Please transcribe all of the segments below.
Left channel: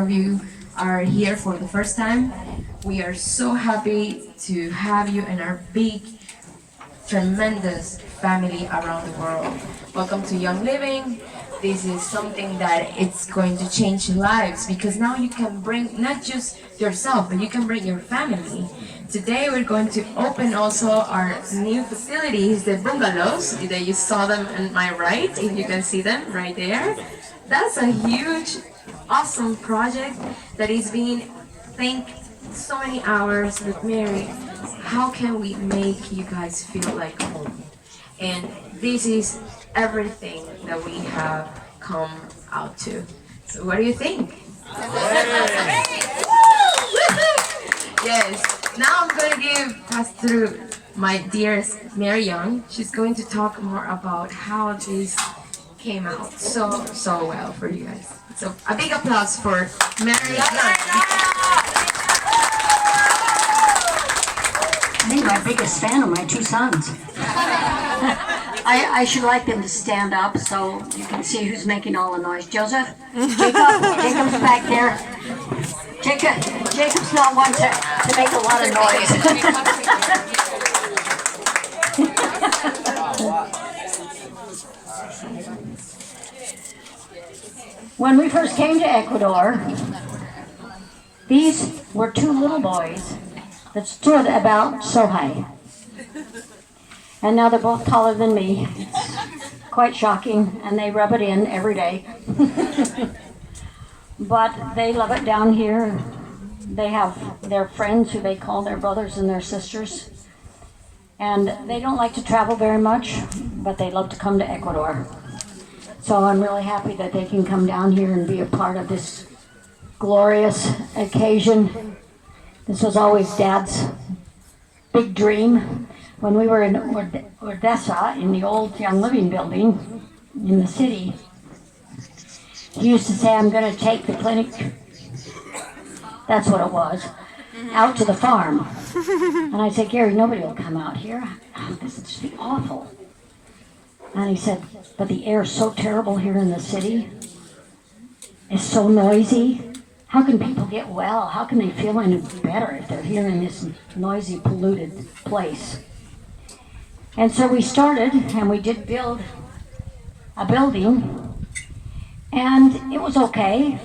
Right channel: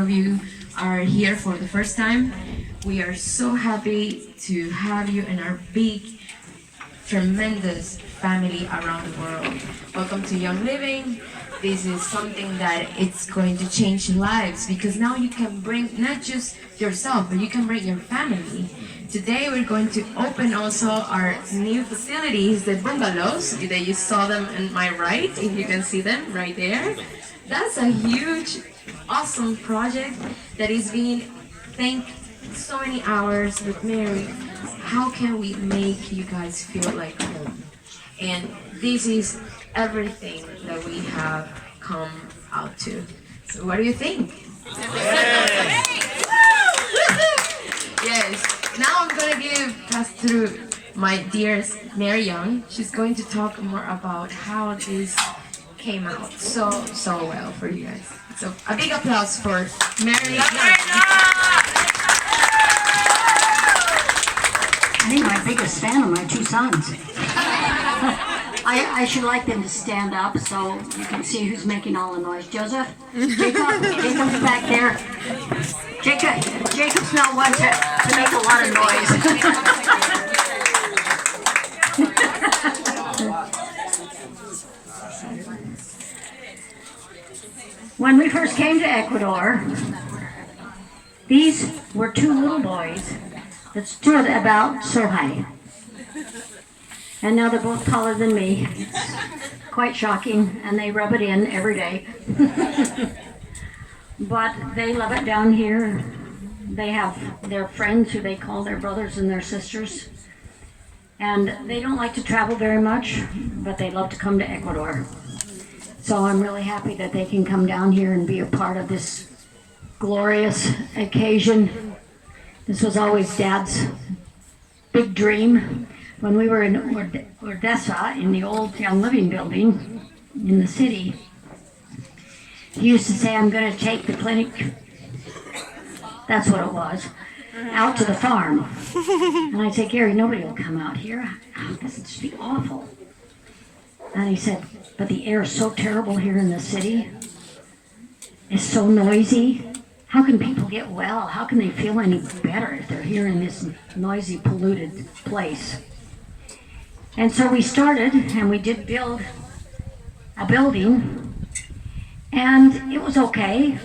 lot of you are here for the first time. We are so happy to have you in our big, tremendous family around the world. Welcome to Young Living. This is something that it's going to change lives, because now you can bring not just yourself, but you can bring your family. Today we're going to open also our new facilities, the bungalows. You saw them on my right, if you can see them right there. That's a huge, awesome project that is being think so many hours with Mary. How can we make you guys feel like home? And this is everything that we have come out to. So what do you think? Yes. Now I'm gonna pass through my dearest Mary Young. She's going to talk more about how this came out so well for you guys. So a big applause for Mary Young. I think my biggest fan are my two sons. I should like them to stand up so you can see who's making all the noise. Joseph? Jacob's back there. Jacob's not one to make a lot of noise. When we first came to Ecuador, these were two little boys that stood about so high. And now they're both taller than me. It's quite shocking, and they rub it in every day. But they love it down here. They have their friends who they call their brothers and their sisters. And they don't like to travel very much, but they love to come to Ecuador. So I'm really happy that they can come down here and be a part of this glorious occasion. This was always Dad's big dream. When we were in Ordesa, in the old Young Living building in the city, he used to say, I'm going to take the clinic, that's what it was, out to the farm. And I said, Gary, nobody will come out here. Oh, this would just be awful. And he said, but the air is so terrible here in the city. It's so noisy. How can people get well? How can they feel any better if they're here in this noisy, polluted place? And so we started, and we did build a building, and it was okay,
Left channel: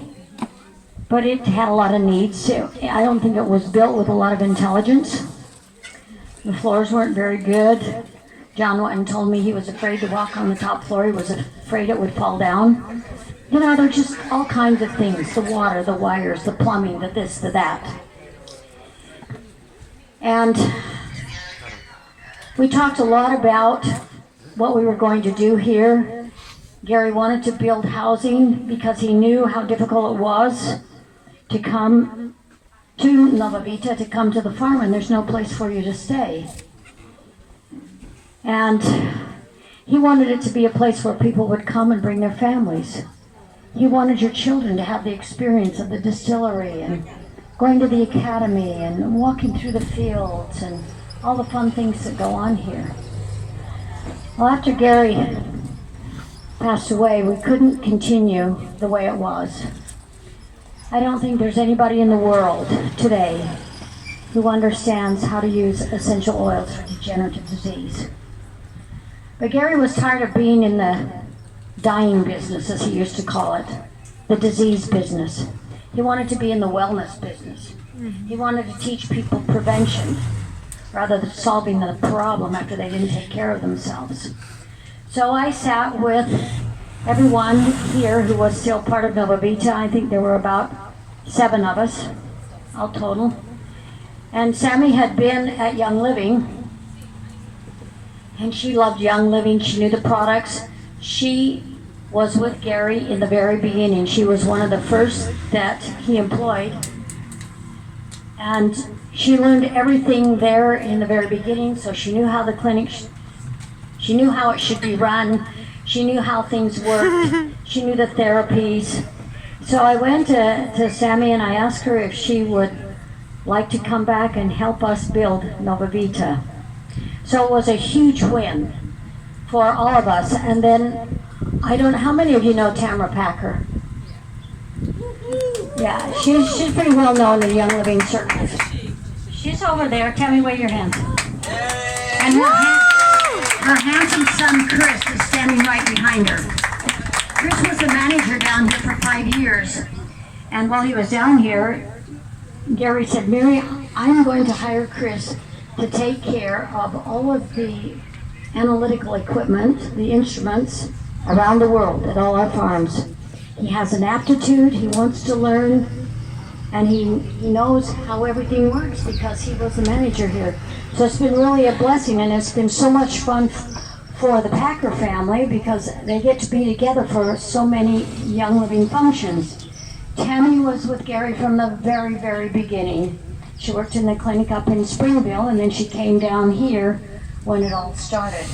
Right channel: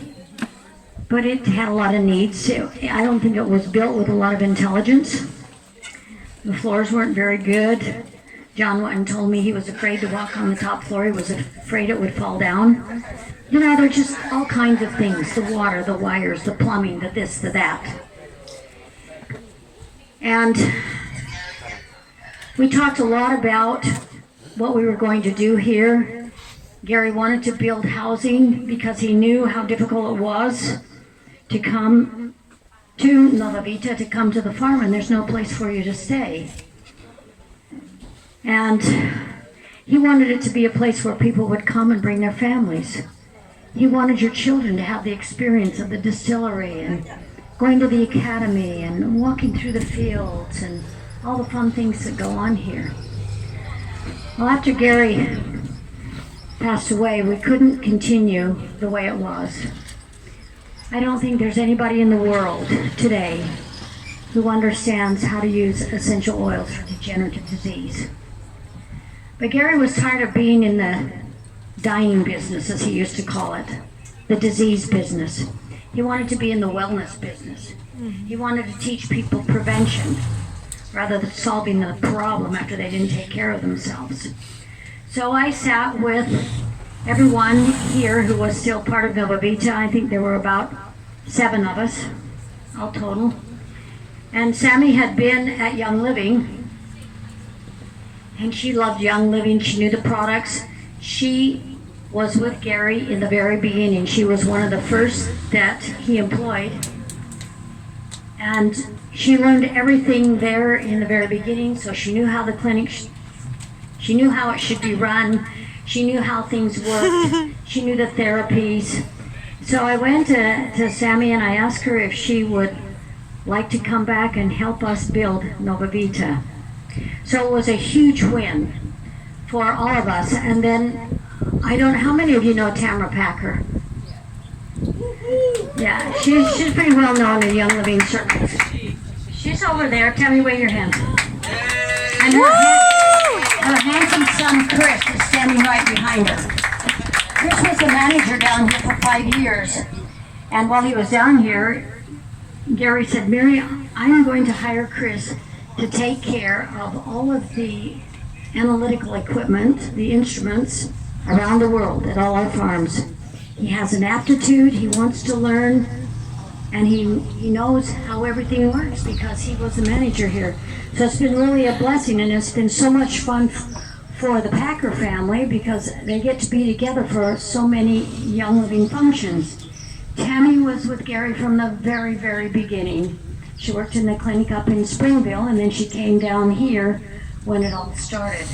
but it had a lot of needs. I don't think it was built with a lot of intelligence. The floors weren't very good. John went and told me he was afraid to walk on the top floor. He was afraid it would fall down. You know, they're just all kinds of things, the water, the wires, the plumbing, the this, the that. And we talked a lot about what we were going to do here. Gary wanted to build housing because he knew how difficult it was to come to Novavita, to come to the farm, and there's no place for you to stay. And he wanted it to be a place where people would come and bring their families. He wanted your children to have the experience of the distillery and going to the academy and walking through the fields and all the fun things that go on here. Well, after Gary passed away, we couldn't continue the way it was. I don't think there's anybody in the world today who understands how to use essential oils for degenerative disease. But Gary was tired of being in the dying business, as he used to call it, the disease business. He wanted to be in the wellness business. He wanted to teach people prevention rather than solving the problem after they didn't take care of themselves. So I sat with everyone here who was still part of Novavita. I think there were about 7 of us, all total. And Sammy had been at Young Living, and she loved Young Living. She knew the products. She was with Gary in the very beginning. She was one of the first that he employed. And she learned everything there in the very beginning, so she knew how the clinic, she knew how it should be run, she knew how things worked, she knew the therapies. So I went to Sammy and I asked her if she would like to come back and help us build Novavita. So it was a huge win for all of us. And then, I don't know, how many of you know Tamara Packer? Yeah, she's pretty well known in Young Living circles. She's over there. Tammy, wave your hands. And her handsome son, Chris, is standing right behind her. Chris was the manager down here for 5 years. And while he was down here, Gary said, Mary, I'm going to hire Chris to take care of all of the analytical equipment, the instruments around the world at all our farms. He has an aptitude, he wants to learn, and he knows how everything works because he was the manager here. So it's been really a blessing, and it's been so much fun for the Packer family because they get to be together for so many Young Living functions. Tammy was with Gary from the very, very beginning. She worked in the clinic up in Springville, and then she came down here when it all started.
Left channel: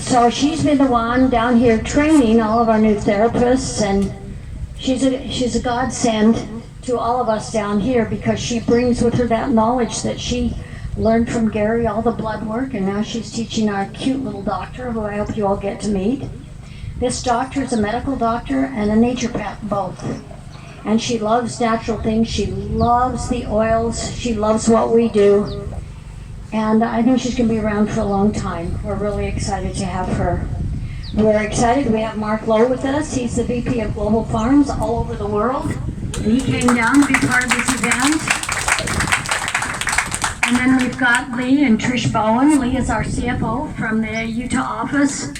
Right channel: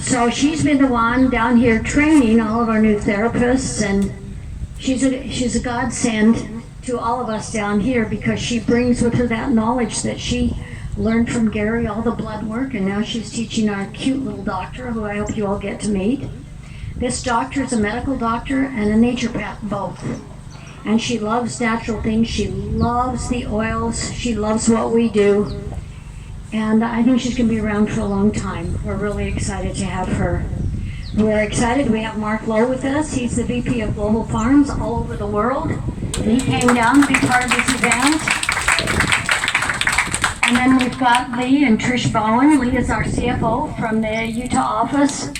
So she's been the one down here training all of our new therapists, and she's a godsend to all of us down here because she brings with her that knowledge that she learned from Gary, all the blood work, and now she's teaching our cute little doctor, who I hope you all get to meet. This doctor is a medical doctor and a naturopath both. And she loves natural things, she loves the oils, she loves what we do. And I think she's going to be around for a long time. We're really excited to have her. We're excited. We have Mark Lowe with us. He's the VP of Global Farms all over the world. And he came down to be part of this event. And then we've got Lee and Trish Bowen. Lee is our CFO from the Utah office.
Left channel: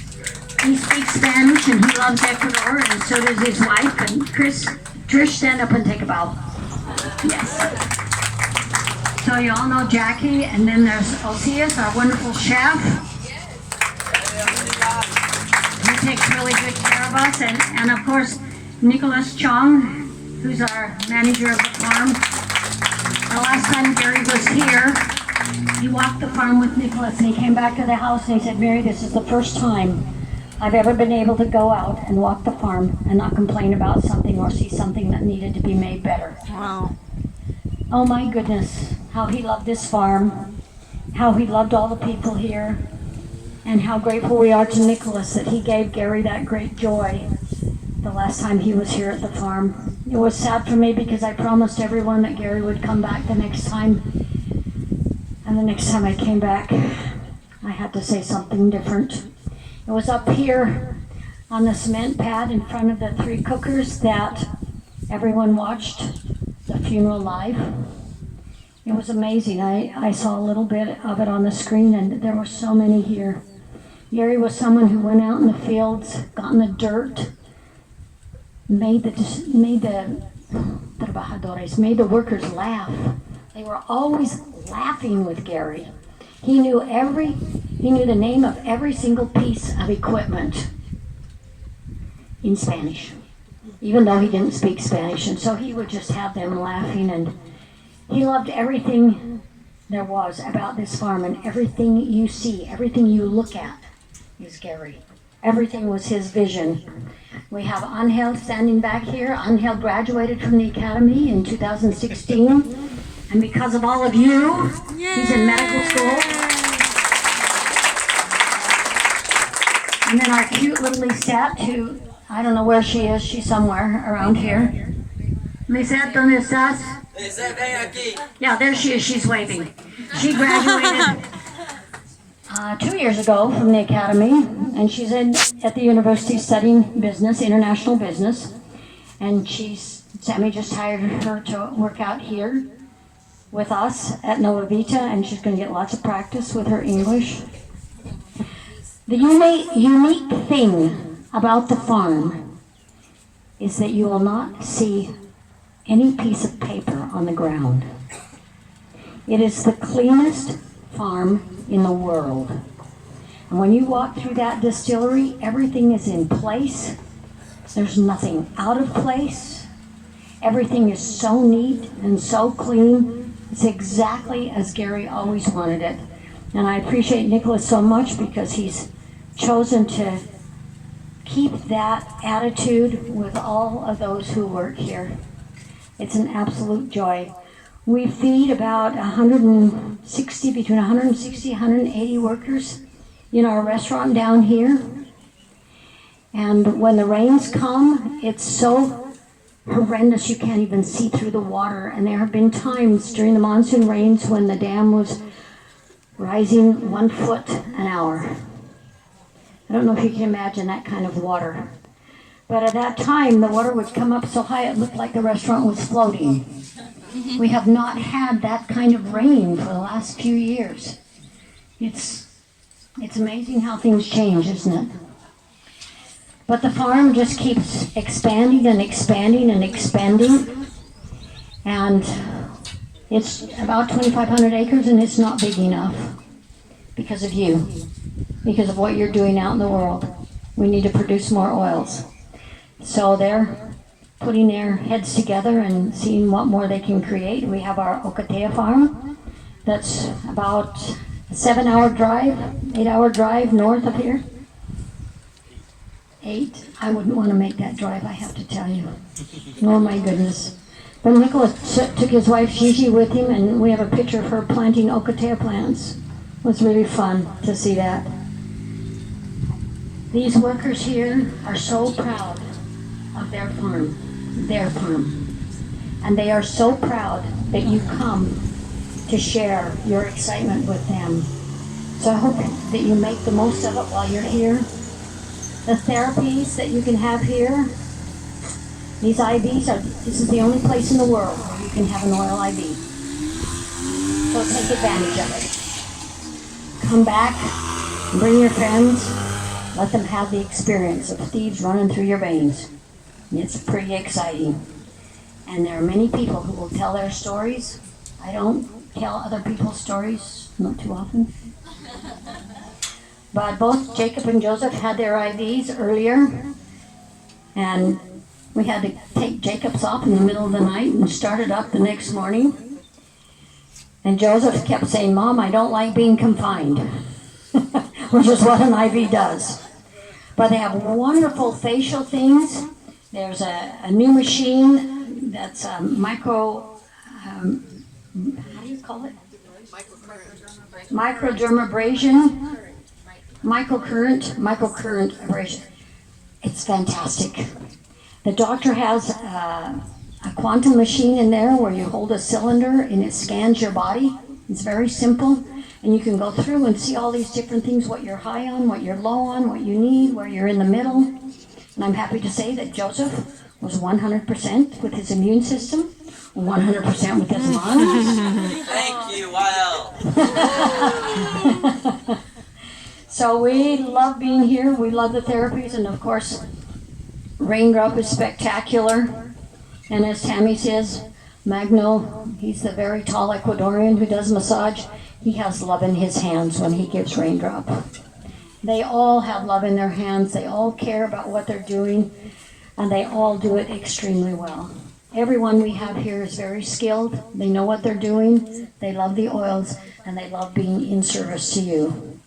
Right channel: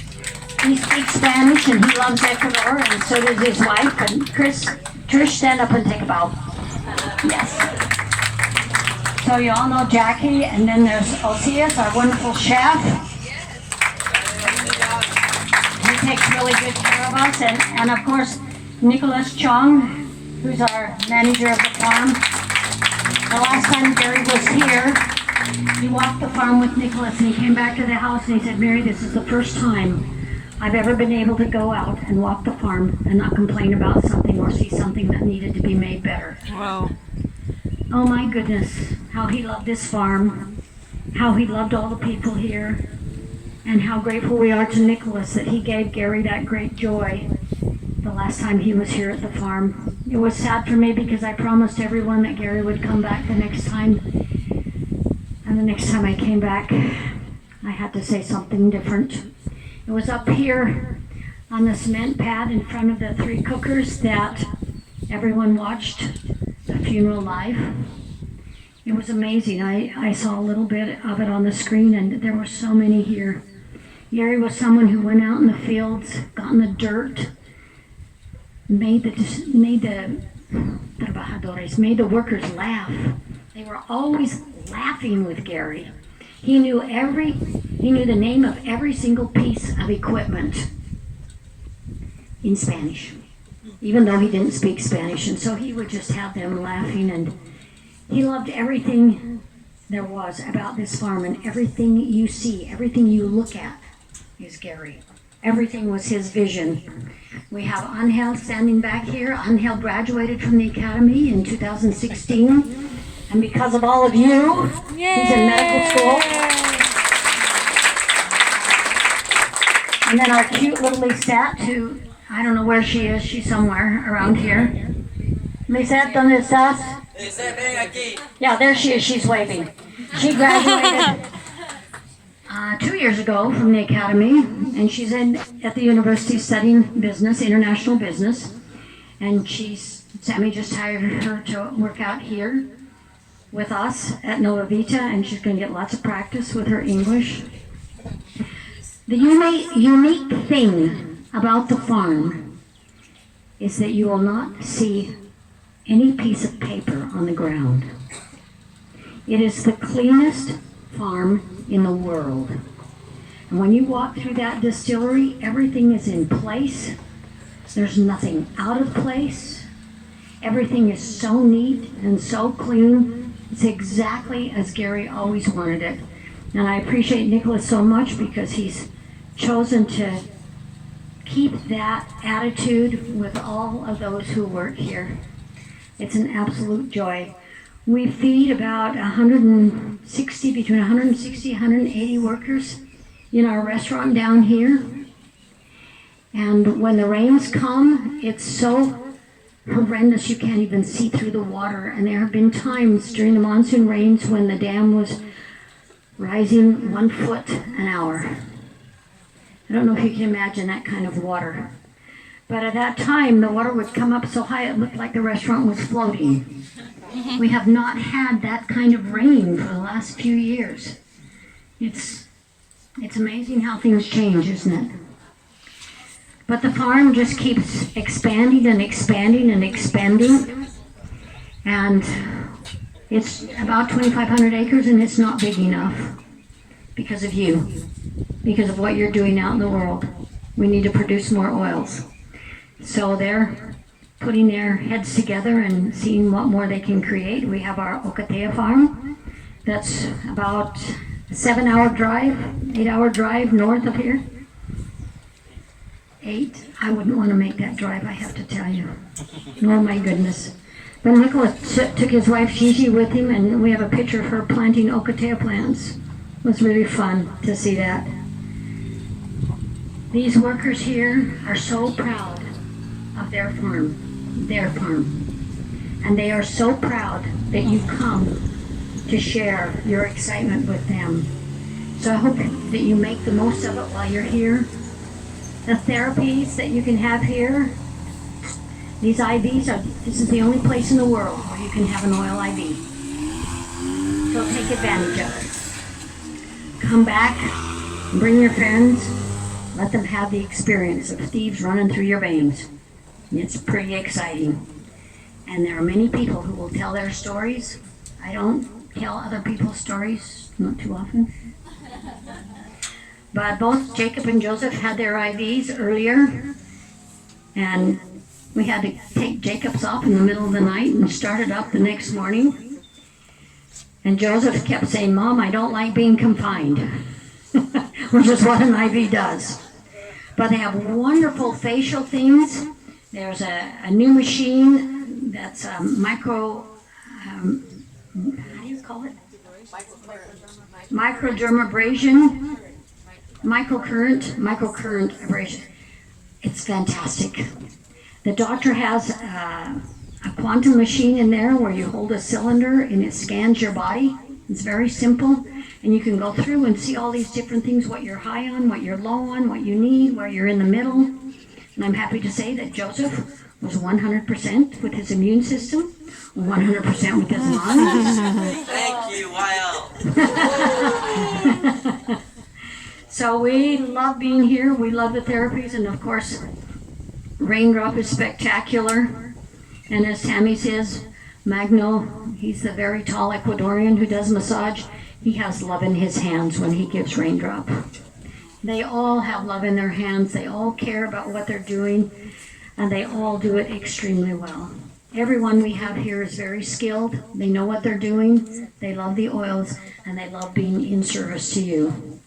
He speaks Spanish and he loves Ecuador, and so does his wife. And Trish, stand up and take a bow. Yes. So you all know Jackie, and then there's Osias, our wonderful chef. He takes really good care of us, and of course, Nicholas Chong, who's our manager of the farm. The last time Gary was here, he walked the farm with Nicholas, and he came back to the house and he said, Mary, this is the first time I've ever been able to go out and walk the farm and not complain about something or see something that needed to be made better. Wow. Oh my goodness, how he loved this farm, how he loved all the people here, and how grateful we are to Nicholas that he gave Gary that great joy the last time he was here at the farm. It was sad for me because I promised everyone that Gary would come back the next time, and the next time I came back, I had to say something different. It was up here on the cement pad in front of the 3 cookers that everyone watched the funeral live. It was amazing. I saw a little bit of it on the screen, and there were so many here. Gary was someone who went out in the fields, got in the dirt, made the workers laugh. They were always laughing with Gary. He knew the name of every single piece of equipment in Spanish, even though he didn't speak Spanish, and so he would just have them laughing, and he loved everything there was about this farm, and everything you see, everything you look at is Gary. Everything was his vision. We have Angel standing back here. Angel graduated from the academy in 2016. And because of all of you, he's in medical school. And then our cute little Lisette, who, I don't know where she is. She's somewhere around here. Lisette, ¿dónde estás? Yeah, there she is. She's waving. She graduated 2 years ago from the academy, and she's at the university studying business, international business. And Sammy just hired her to work out here with us at Novavita, and she's going to get lots of practice with her English. The unique thing about the farm is that you will not see any piece of paper on the ground. It is the cleanest farm in the world. And when you walk through that distillery, everything is in place. There's nothing out of place. Everything is so neat and so clean. It's exactly as Gary always wanted it. And I appreciate Nicholas so much because he's chosen to keep that attitude with all of those who work here. It's an absolute joy. We feed about between 160, 180 workers in our restaurant down here. And when the rains come, it's so horrendous. You can't even see through the water. And there have been times during the monsoon rains when the dam was rising 1 foot an hour. I don't know if you can imagine that kind of water. But at that time, the water would come up so high it looked like the restaurant was floating. We have not had that kind of rain for the last few years. It's amazing how things change, isn't it? But the farm just keeps expanding and expanding and expanding. And it's about 2,500 acres, and it's not big enough because of you, because of what you're doing out in the world. We need to produce more oils. So they're putting their heads together and seeing what more they can create. We have our Ocotea farm. That's about a 7-hour drive, 8-hour drive north of here. 8. I wouldn't want to make that drive, I have to tell you. Oh my goodness. But Nicholas took his wife Gigi with him, and we have a picture of her planting Ocotea plants. It was really fun to see that. These workers here are so proud of their farm. And they are so proud that you come to share your excitement with them. So I hope that you make the most of it while you're here. The therapies that you can have here, these IVs, this is the only place in the world where you can have an oil IV. So take advantage of it. Come back, bring your friends, let them have the experience of thieves running through your veins. It's pretty exciting. And there are many people who will tell their stories. I don't tell other people's stories, not too often. But both Jacob and Joseph had their IVs earlier, and we had to take Jacob's off in the middle of the night and start it up the next morning. And Joseph kept saying, "Mom, I don't like being confined," which is what an IV does. But they have wonderful facial things. There's a new machine that's how do you call it? Microdermabrasion. Microcurrent abrasion. It's fantastic. The doctor has a quantum machine in there where you hold a cylinder and it scans your body. It's very simple. And you can go through and see all these different things, what you're high on, what you're low on, what you need, where you're in the middle. And I'm happy to say that Joseph was 100% with his immune system, 100% with his lungs. Thank you, Weil. So we love being here. We love the therapies. And of course, Raindrop is spectacular. And as Tammy says, Magno, he's the very tall Ecuadorian who does massage. He has love in his hands when he gives Raindrop. They all have love in their hands. They all care about what they're doing, and they all do it extremely well. Everyone we have here is very skilled. They know what they're doing. They love the oils, and they love being in service to you.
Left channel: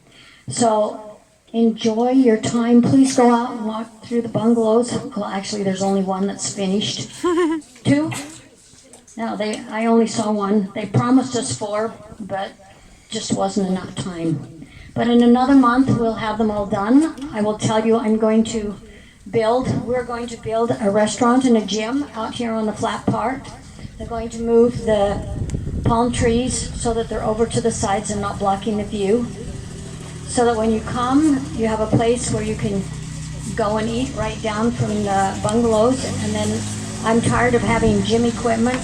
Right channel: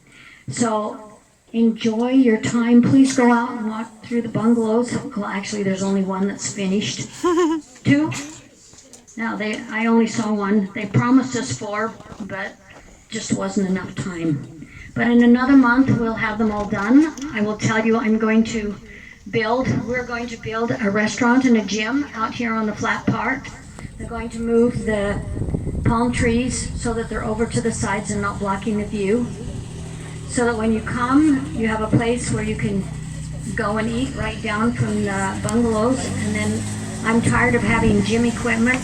So enjoy your time. Please go out and walk through the bungalows. Well, actually, there's only one that's finished. 2? No, I only saw one. They promised us 4, but just wasn't enough time. But in another month, we'll have them all done. I will tell you, we're going to build a restaurant and a gym out here on the flat part. They're going to move the palm trees so that they're over to the sides and not blocking the view. So that when you come, you have a place where you can go and eat right down from the bungalows. And then I'm tired of having gym equipment.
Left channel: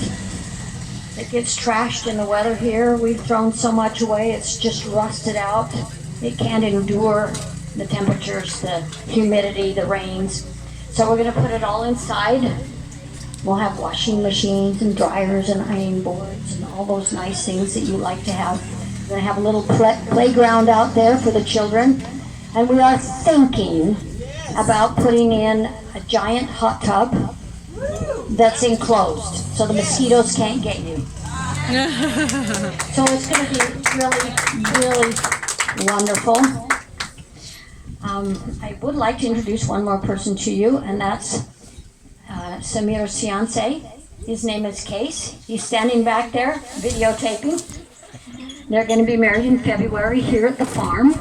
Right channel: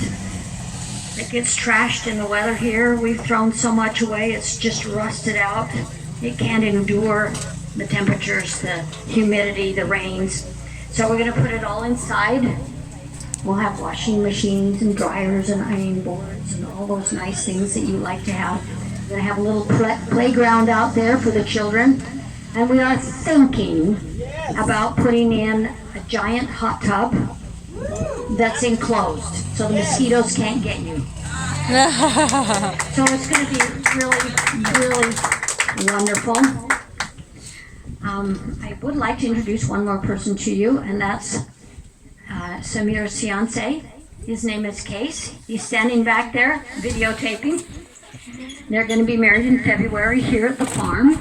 It gets trashed in the weather here. We've thrown so much away, it's just rusted out. It can't endure the temperatures, the humidity, the rains. So we're gonna put it all inside. We'll have washing machines and dryers and ironing boards and all those nice things that you like to have. We're gonna have a little playground out there for the children. And we are thinking about putting in a giant hot tub that's enclosed, so the mosquitoes can't get you. So it's going to be really, really wonderful. I would like to introduce one more person to you, and that's Samir's fiance. His name is Case. He's standing back there videotaping. They're going to be married in February here at the farm.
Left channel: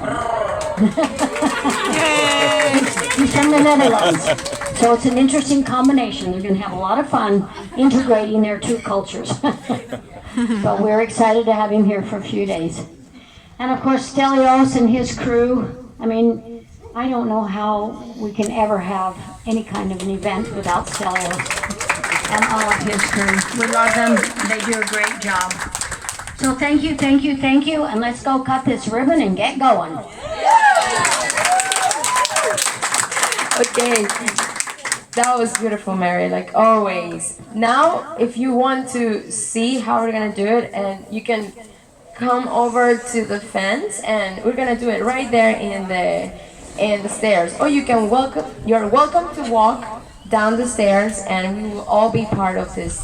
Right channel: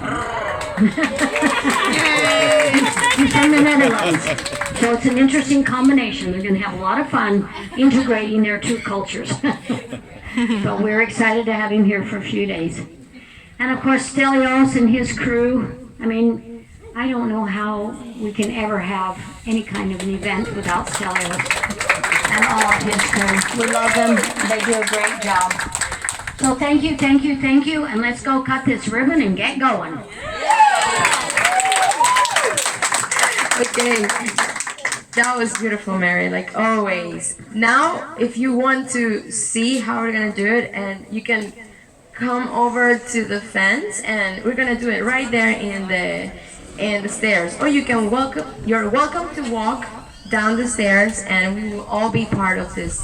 He's from the Netherlands. So it's an interesting combination. They're going to have a lot of fun integrating their two cultures. So we're excited to have him here for a few days. And of course, Stelios and his crew. I mean, I don't know how we can ever have any kind of an event without Stelios and all of his crew. We love them. They do a great job. So thank you, thank you, thank you. And let's go cut this ribbon and get going. Okay. That was beautiful, Mary, like always. Now, if you want to see how we're gonna do it, and you can come over to the fence, and we're gonna do it right there in the stairs. Or you can you're welcome to walk down the stairs, and we will all be part of this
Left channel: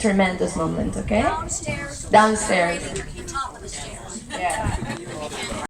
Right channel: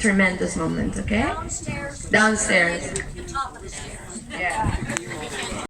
tremendous moment. Okay? Downstairs. Downstairs. The top of the stairs. Yeah.